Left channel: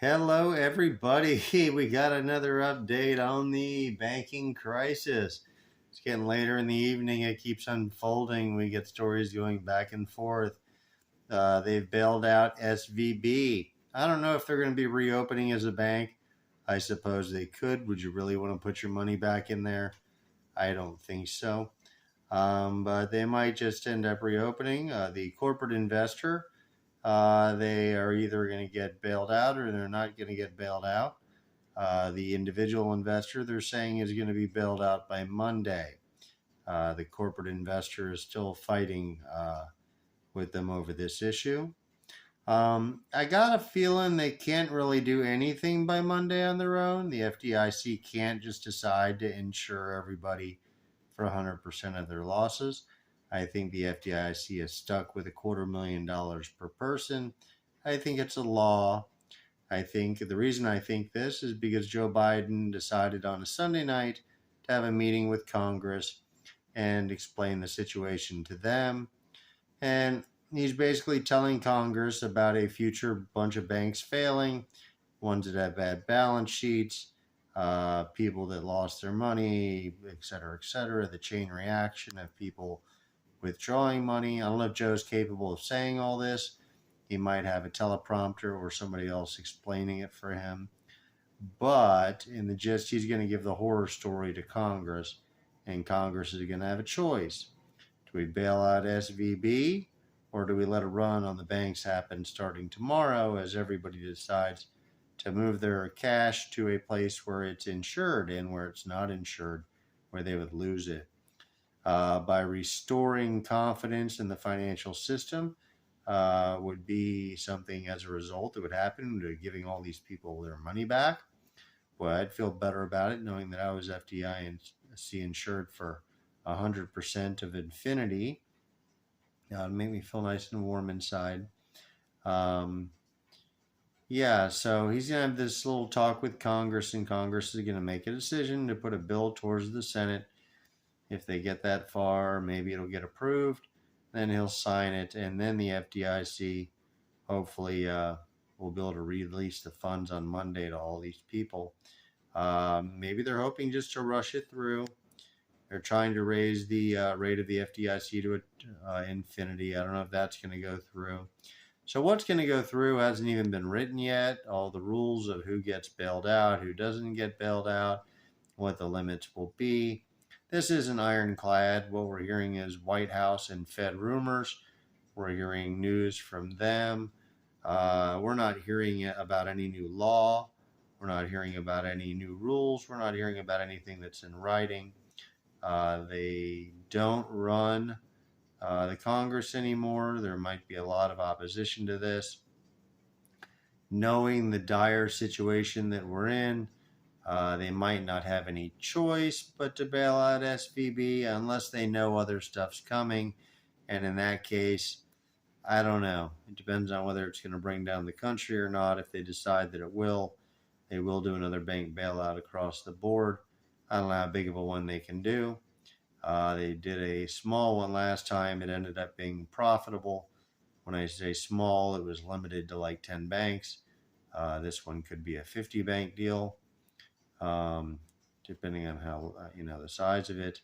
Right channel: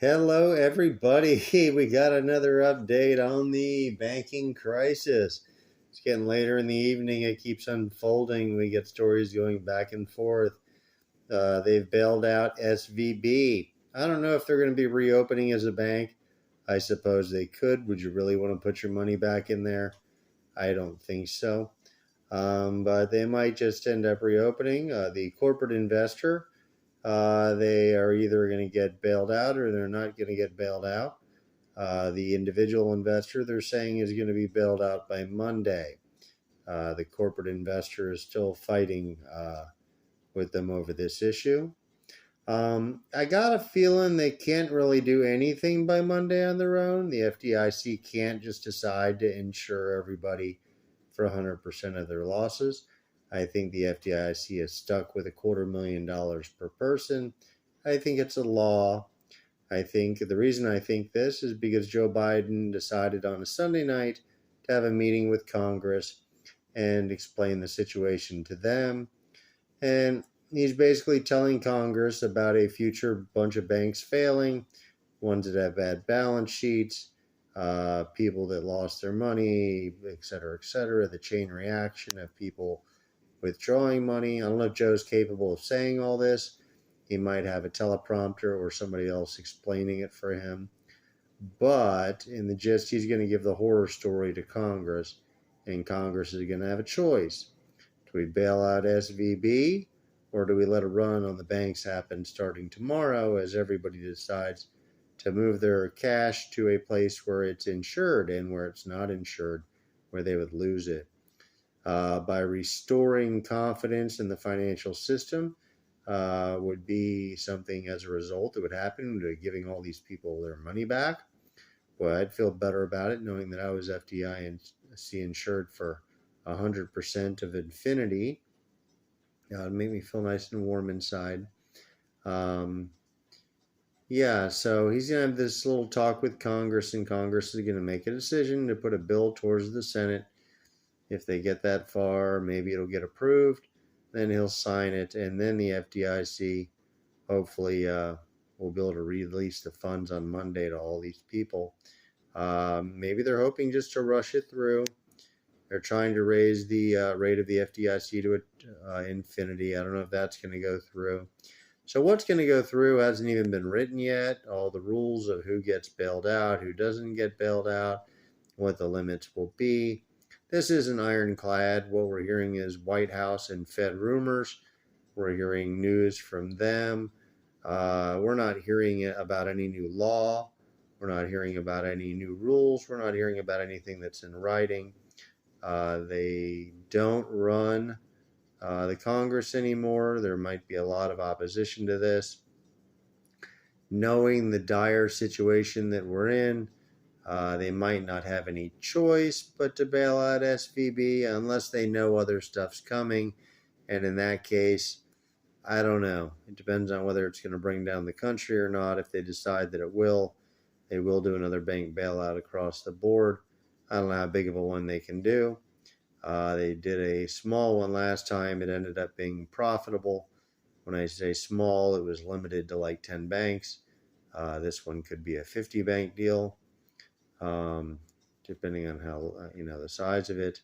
Hello, everybody. We got another update on the banking crisis. It's getting later in the evening. It keeps unfolding. We get stories going back and forth. They've bailed out SVB. I don't know if they're going to be reopening as a bank. I suppose they could. Would you really want to put your money back in there? I don't think so. But they might just end up reopening. The corporate investor, they are either going to get bailed out or they're not going to get bailed out. The individual investor, they're saying, is going to be bailed out by Monday. The corporate investor is still fighting with them over this issue. I got a feeling they can't really do anything by Monday on their own. The FDIC can't just decide to insure everybody for 100% of their losses. I think the FDIC is stuck with $250,000 per person. I think it's a law. I think the reason I think this is because Joe Biden decided on a Sunday night to have a meeting with Congress and explain the situation to them. And he's basically telling Congress about a future bunch of banks failing, ones that have bad balance sheets, people that lost their money, et cetera, the chain reaction of people withdrawing money. I don't know if Joe's capable of saying all this. He might have a teleprompter or somebody else explaining it for him. But in the gist, he's going to give the horror story to Congress, and Congress is going to have a choice. Do we bail out SVB, or do we let a run on the banks happen starting tomorrow as everybody decides to move their cash to a place where it's insured and where it's not insured, where they would lose it? By restoring confidence in the financial system would be something as a result that would happen to giving all these people their money back. Boy, I'd feel better about it knowing that I was FDIC insured for 100% of infinity. It'd make me feel nice and warm inside. Yeah, so he's going to have this little talk with Congress, and Congress is going to make a decision to put a bill towards the Senate. If they get that far, maybe it'll get approved. Then he'll sign it, and then the FDIC hopefully will be able to release the funds on Monday to all these people. Maybe they're hoping just to rush it through. They're trying to raise the rate of the FDIC to infinity. I don't know if that's going to go through. So what's going to go through hasn't even been written yet. All the rules of who gets bailed out, who doesn't get bailed out, what the limits will be. This isn't ironclad. What we're hearing is White House and Fed rumors. We're hearing news from them. We're not hearing about any new law. We're not hearing about any new rules. We're not hearing about anything that's in writing. They don't run the Congress anymore. There might be a lot of opposition to this. Knowing the dire situation that we're in, they might not have any choice but to bail out SVB unless they know other stuff's coming. And in that case, I don't know. It depends on whether it's going to bring down the country or not. If they decide that it will, they will do another bank bailout across the board. I don't know how big of a one they can do. They did a small one last time. It ended up being profitable. When I say small, it was limited to like 10 banks. This one could be a 50 bank deal, depending on how, the size of it.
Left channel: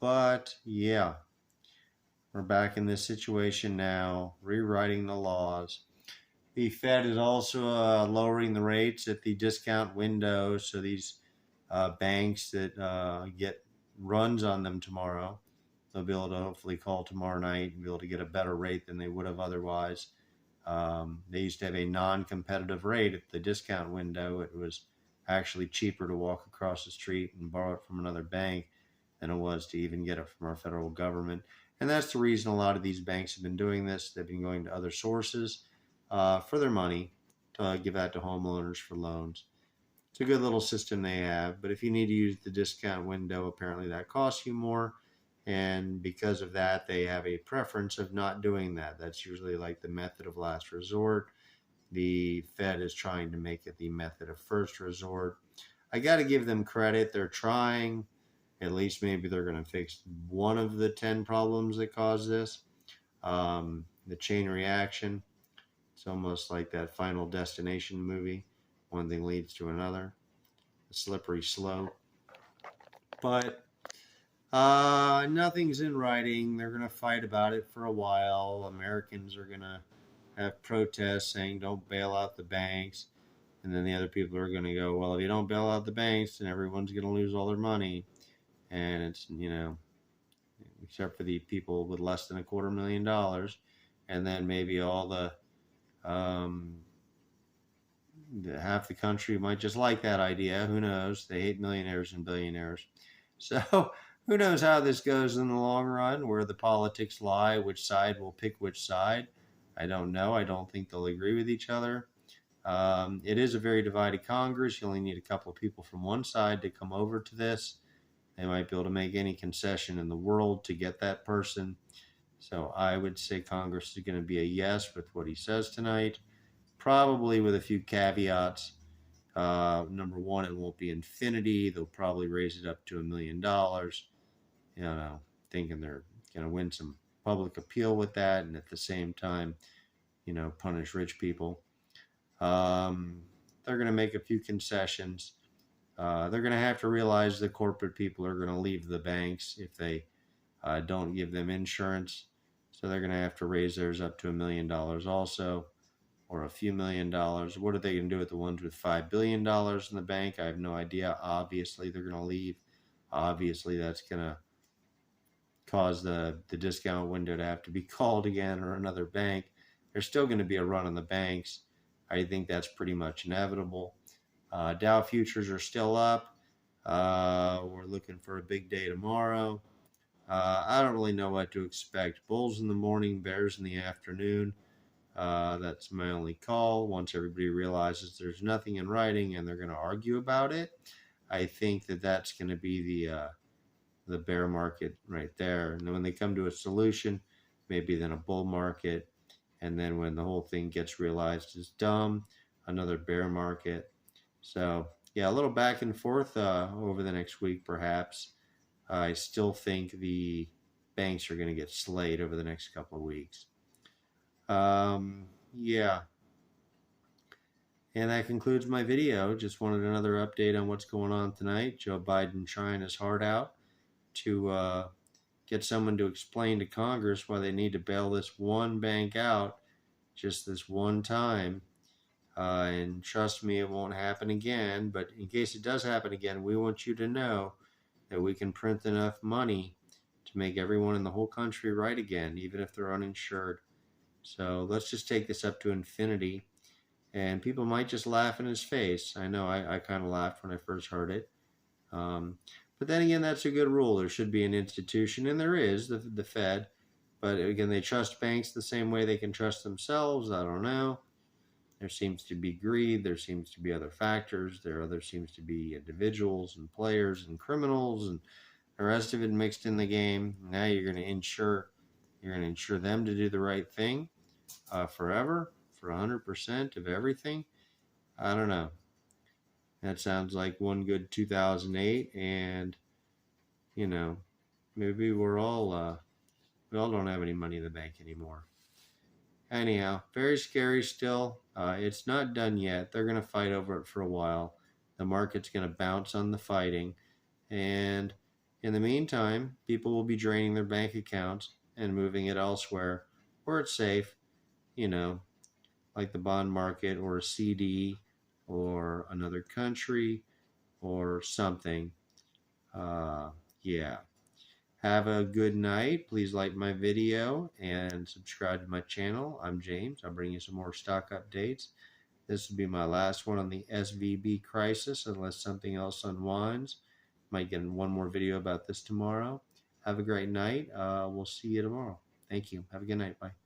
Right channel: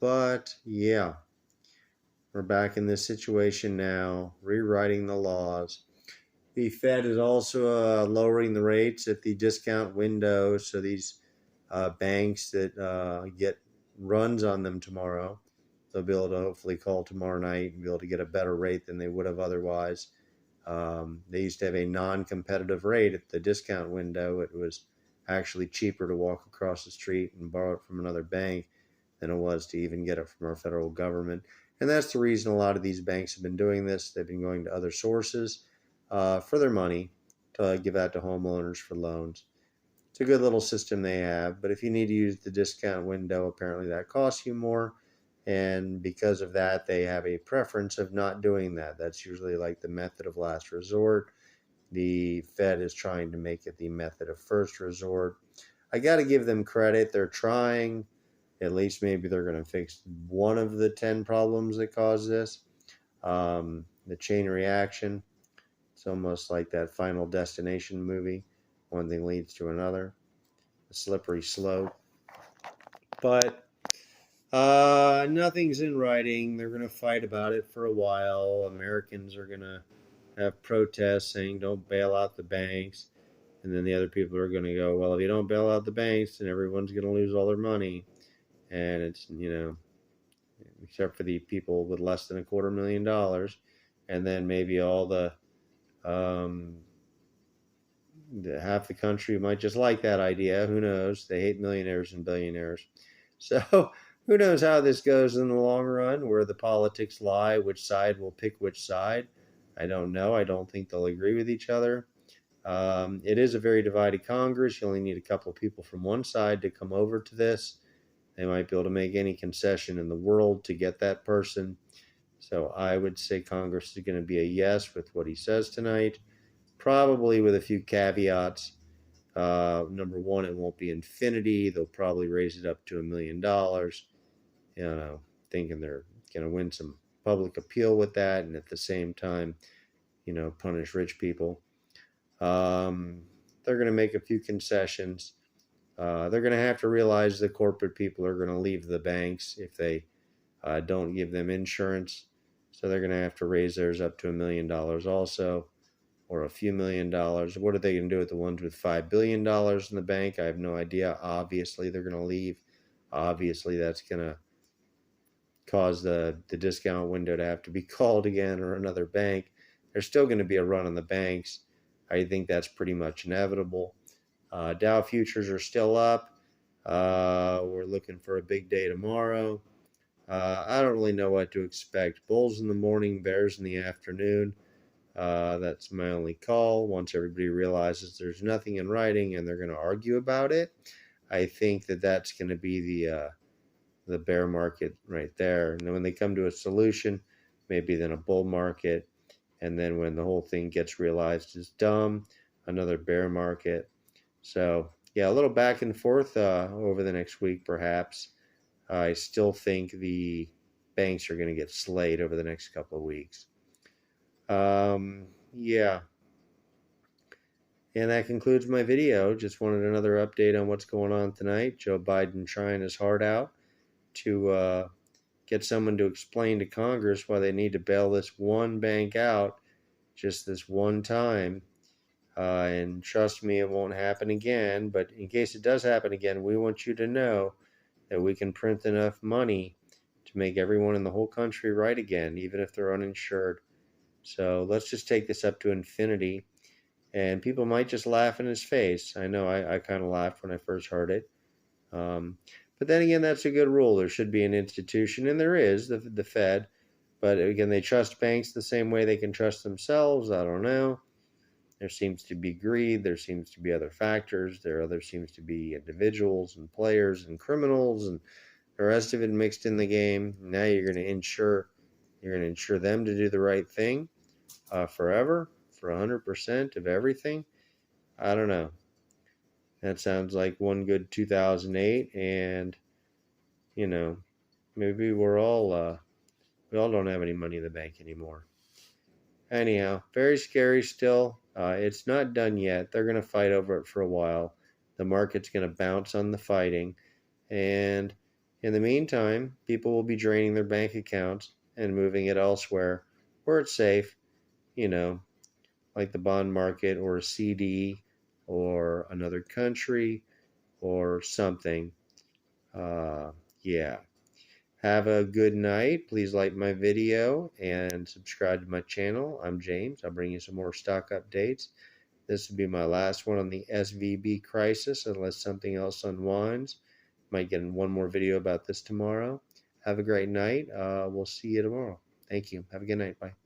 But yeah, we're back in this situation now, rewriting the laws. The Fed is also lowering the rates at the discount window. So these banks that get runs on them tomorrow, they'll be able to hopefully call tomorrow night and be able to get a better rate than they would have otherwise. They used to have a non-competitive rate at the discount window. It was actually cheaper to walk across the street and borrow it from another bank than it was to even get it from our federal government. And that's the reason a lot of these banks have been doing this. They've been going to other sources for their money to give out to homeowners for loans. It's a good little system they have, but if you need to use the discount window, apparently that costs you more. And because of that, they have a preference of not doing that. That's usually like the method of last resort. The Fed is trying to make it the method of first resort. I got to give them credit. They're trying. At least maybe they're going to fix one of the 10 problems that cause this. The chain reaction. It's almost like that Final Destination movie. One thing leads to another. A slippery slope. But nothing's in writing. They're going to fight about it for a while. Americans are going to have protests saying don't bail out the banks. And then the other people are going to go, well, if you don't bail out the banks, then everyone's going to lose all their money. And it's, except for the people with less than $250,000. And then maybe all half the country might just like that idea. Who knows? They hate millionaires and billionaires. So who knows how this goes in the long run, where the politics lie, which side will pick which side. I don't know. I don't think they'll agree with each other. It is a very divided Congress. You only need a couple of people from one side to come over to this. They might be able to make any concession in the world to get that person. So I would say Congress is going to be a yes with what he says tonight, probably with a few caveats. Number one, it won't be infinity. They'll probably raise it up to $1 million, thinking they're going to win some public appeal with that, and at the same time, punish rich people. They're going to make a few concessions. They're going to have to realize the corporate people are going to leave the banks if they don't give them insurance. So they're going to have to raise theirs up to $1 million also, or a few $1 million. What are they going to do with the ones with $5 billion in the bank? I have no idea. Obviously, they're going to leave. Obviously, that's going to cause the discount window to have to be called again, or another bank. There's still going to be a run on the banks. I think that's pretty much inevitable. Dow futures are still up. We're looking for a big day tomorrow. I don't really know what to expect. Bulls in the morning, bears in the afternoon. That's my only call. Once everybody realizes there's nothing in writing and they're going to argue about it, I think that's going to be the bear market right there. And then when they come to a solution, maybe then a bull market. And then when the whole thing gets realized is dumb, another bear market. So yeah, a little back and forth over the next week, perhaps. I still think the banks are going to get slayed over the next couple of weeks. Yeah. And that concludes my video. Just wanted another update on what's going on tonight. Joe Biden trying his heart out to get someone to explain to Congress why they need to bail this one bank out just this one time. And trust me, it won't happen again. But in case it does happen again, we want you to know that we can print enough money to make everyone in the whole country right again, even if they're uninsured. So let's just take this up to infinity. And people might just laugh in his face. I know I kind of laughed when I first heard it. But then again, that's a good rule. There should be an institution, and there is, the Fed. But again, they trust banks the same way they can trust themselves. I don't know. There seems to be greed. There seems to be other factors. There seems to be individuals and players and criminals and the rest of it mixed in the game. Now you're going to insure them to do the right thing forever, for 100% of everything. I don't know. That sounds like one good 2008, and maybe we all don't have any money in the bank anymore. Anyhow, very scary still. It's not done yet. They're going to fight over it for a while. The market's going to bounce on the fighting. And in the meantime, people will be draining their bank accounts and moving it elsewhere where it's safe, like the bond market or a CD or another country or something. Yeah. Have a good night. Please like my video and subscribe to my channel. I'm James. I'll bring you some more stock updates. This will be my last one on the SVB crisis unless something else unwinds. Might get one more video about this tomorrow. Have a great night. We'll see you tomorrow. Thank you. Have a good night. Bye.